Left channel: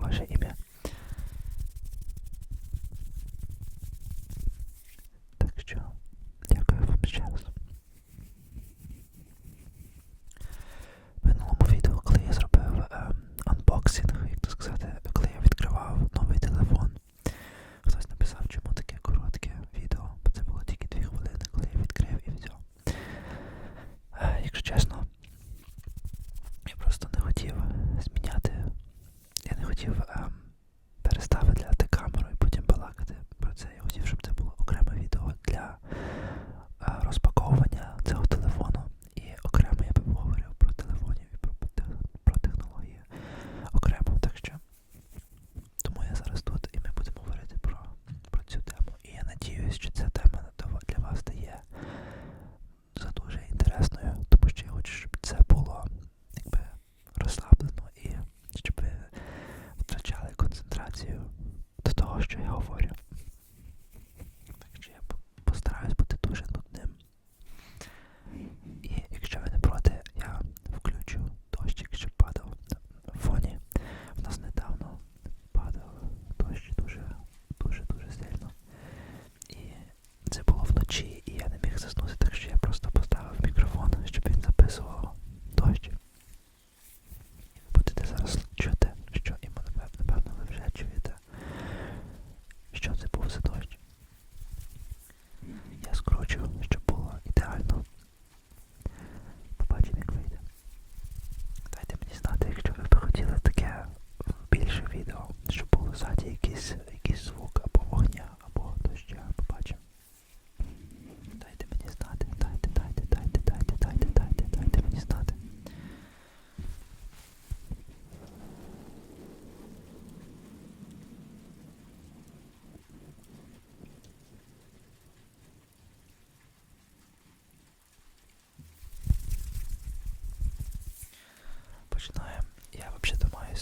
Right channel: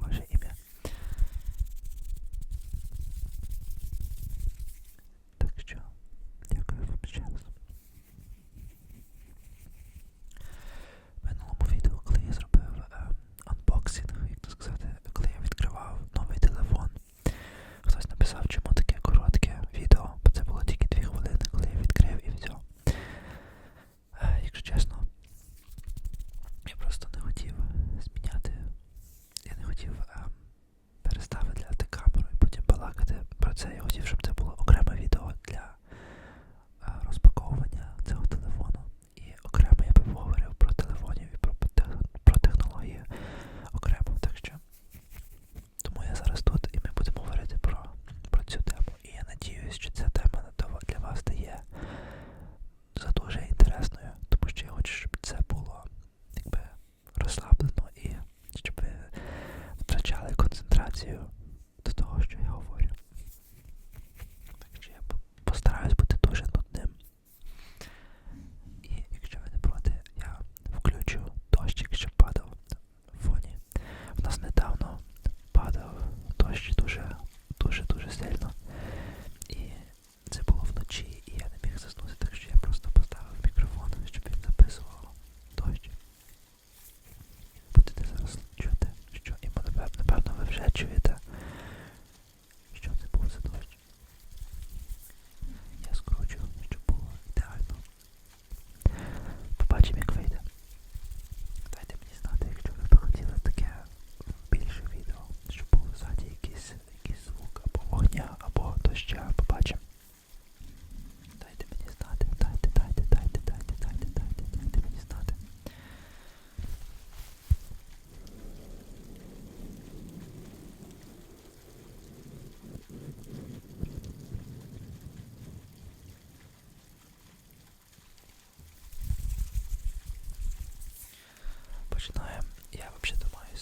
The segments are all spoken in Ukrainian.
бачу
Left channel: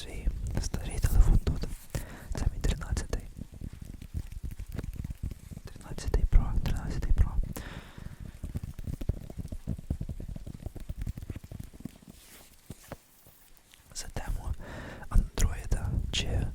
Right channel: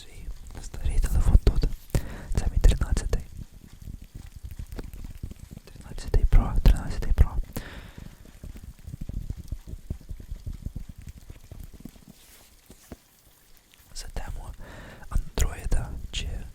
свій старий телефон тут. Це мій 13. й 13 й Pro, 13 Pro. За тему Андроїда чи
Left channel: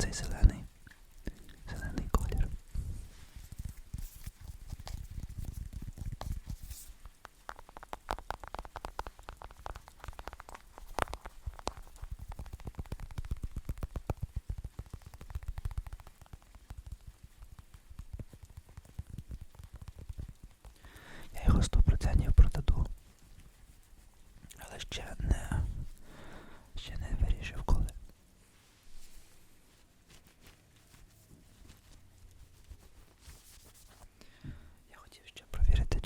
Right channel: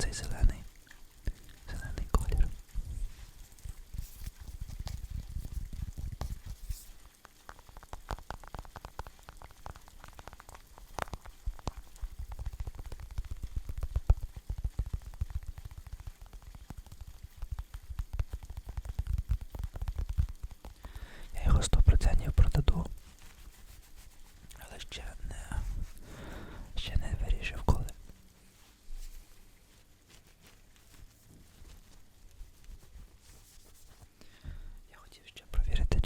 Sicily.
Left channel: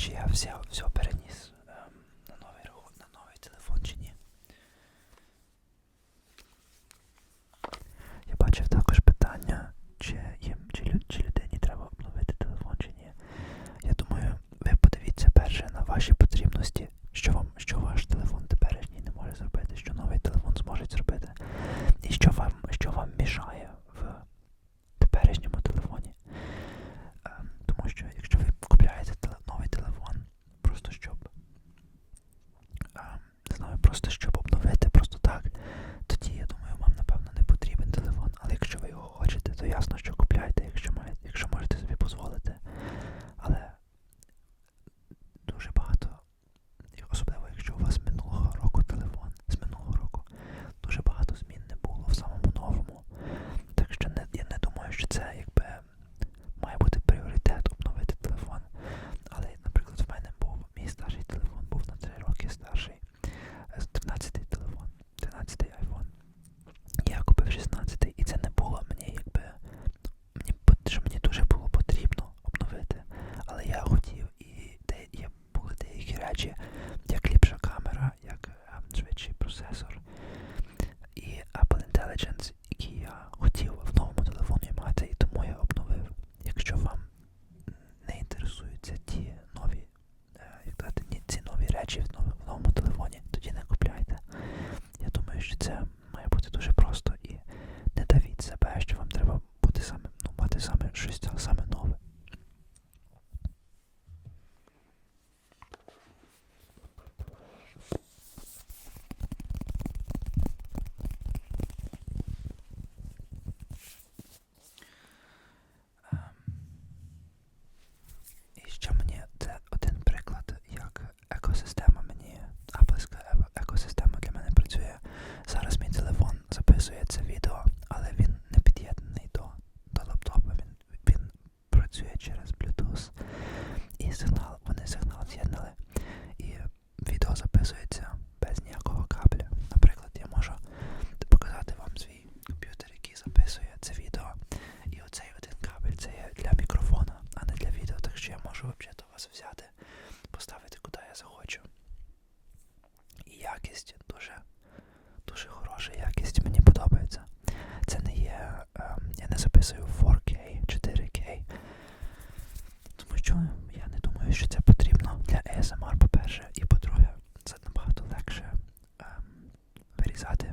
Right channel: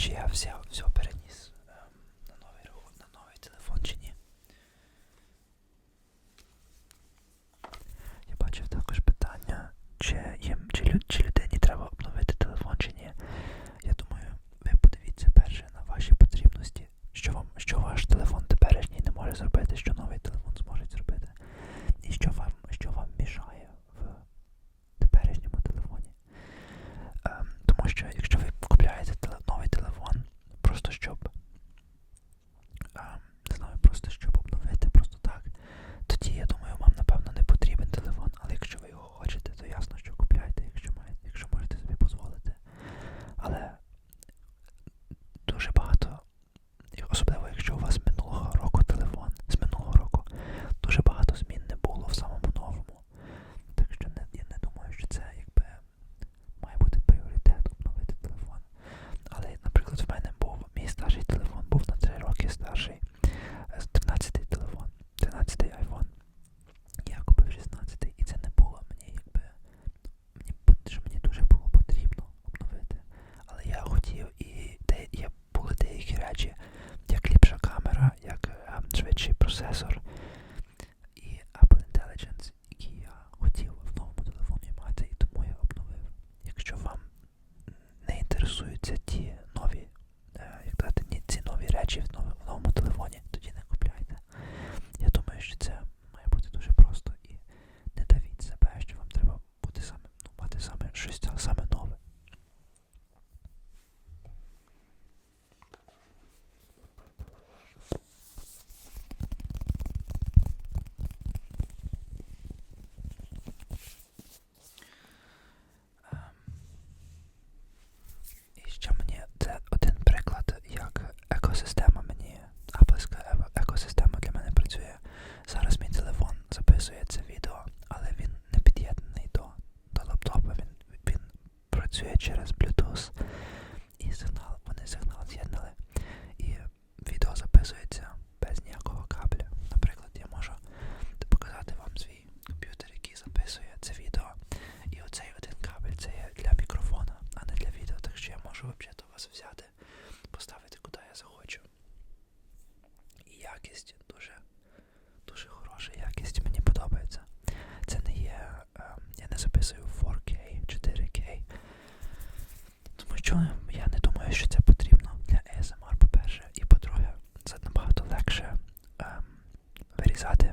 чи я все, все переніс. 6 summon Satin.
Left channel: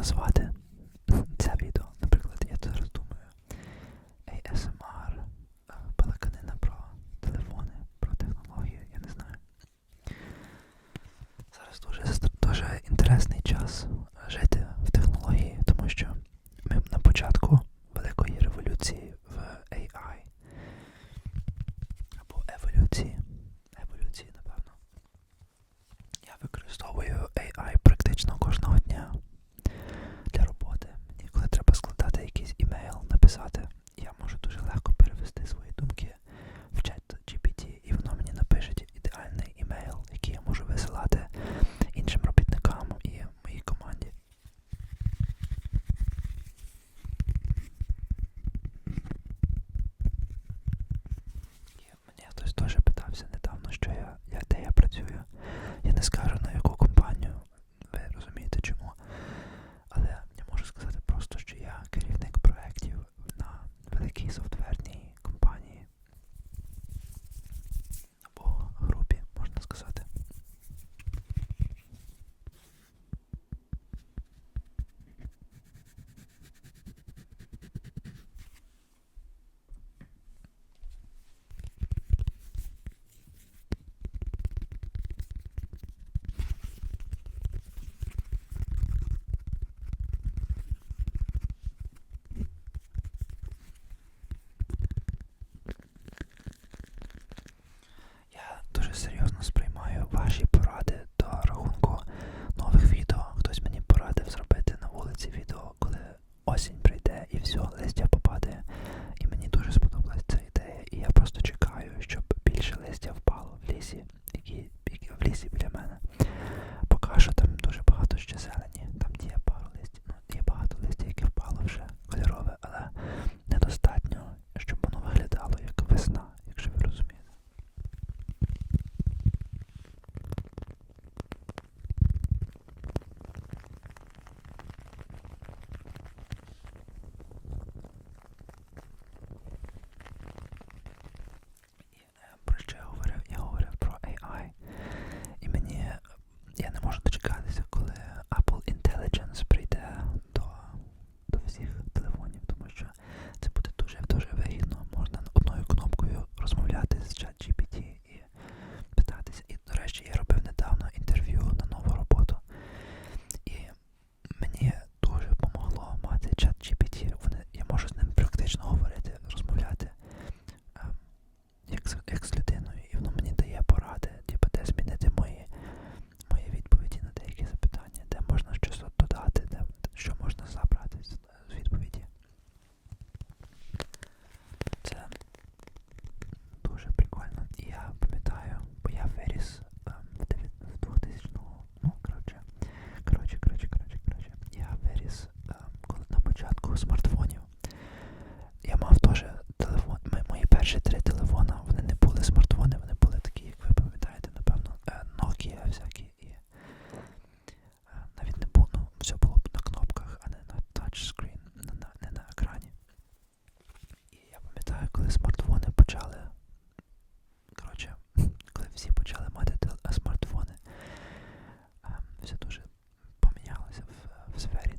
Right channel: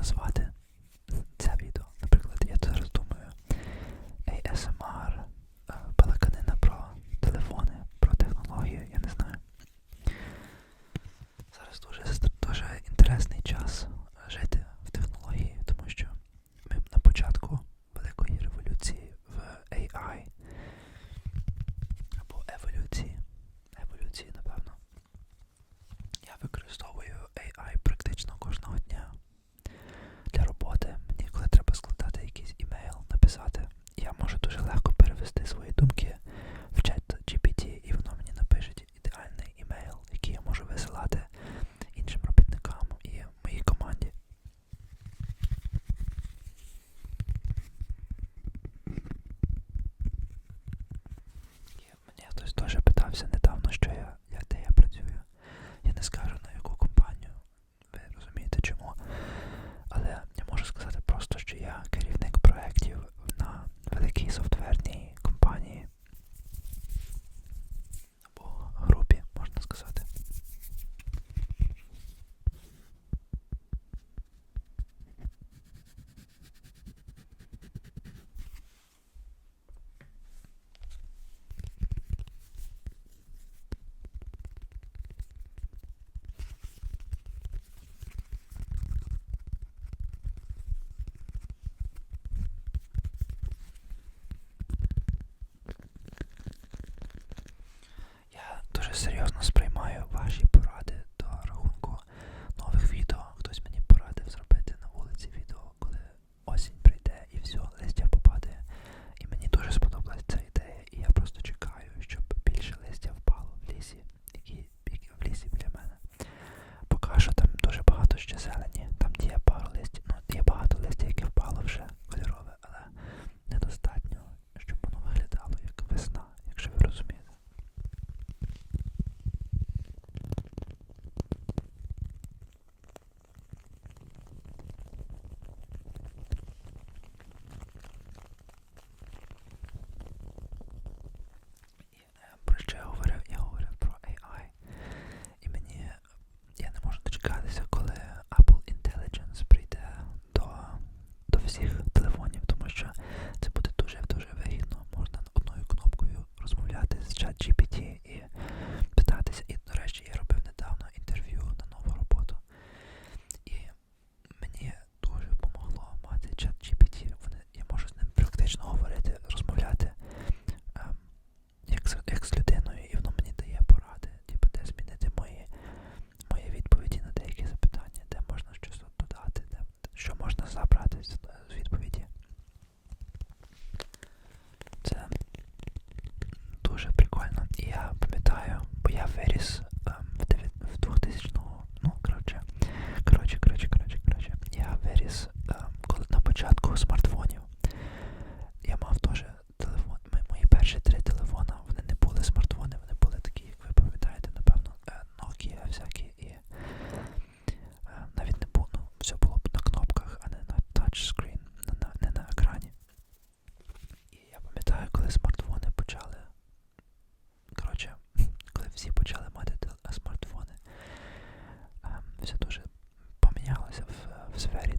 Відео, як this video.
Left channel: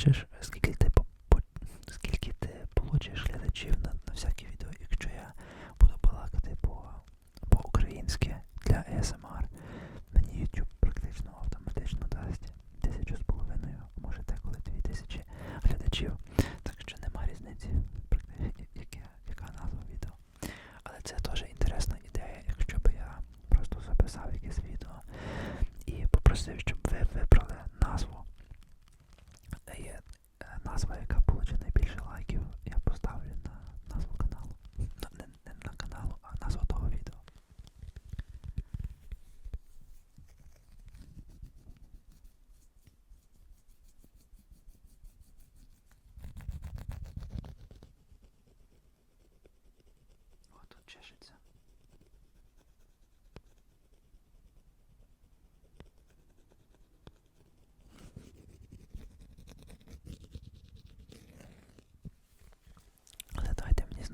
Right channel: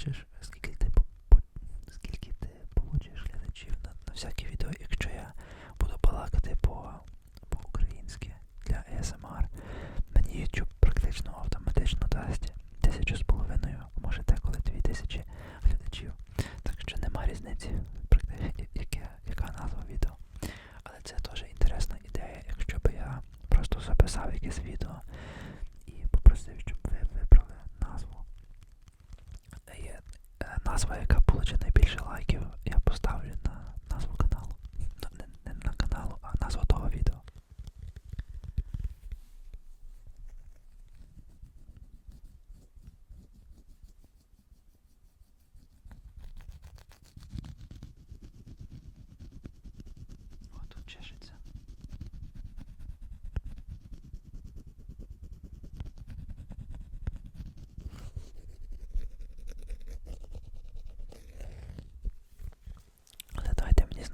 przecież. назва, яка получить найбільше лайків, я поставлю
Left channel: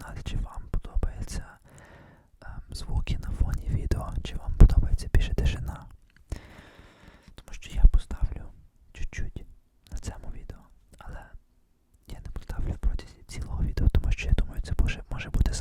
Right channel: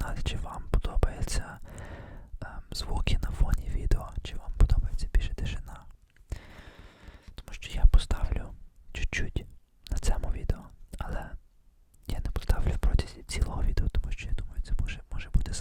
каналі, чи вам подобаються ем, звуки на фоні відео, чи вам подобається більше тишина. Тому що я поставлю чуть-чуть на цьому відео, але я не поставлю в протязі цілого відео, тому що я думаю, це може, може бути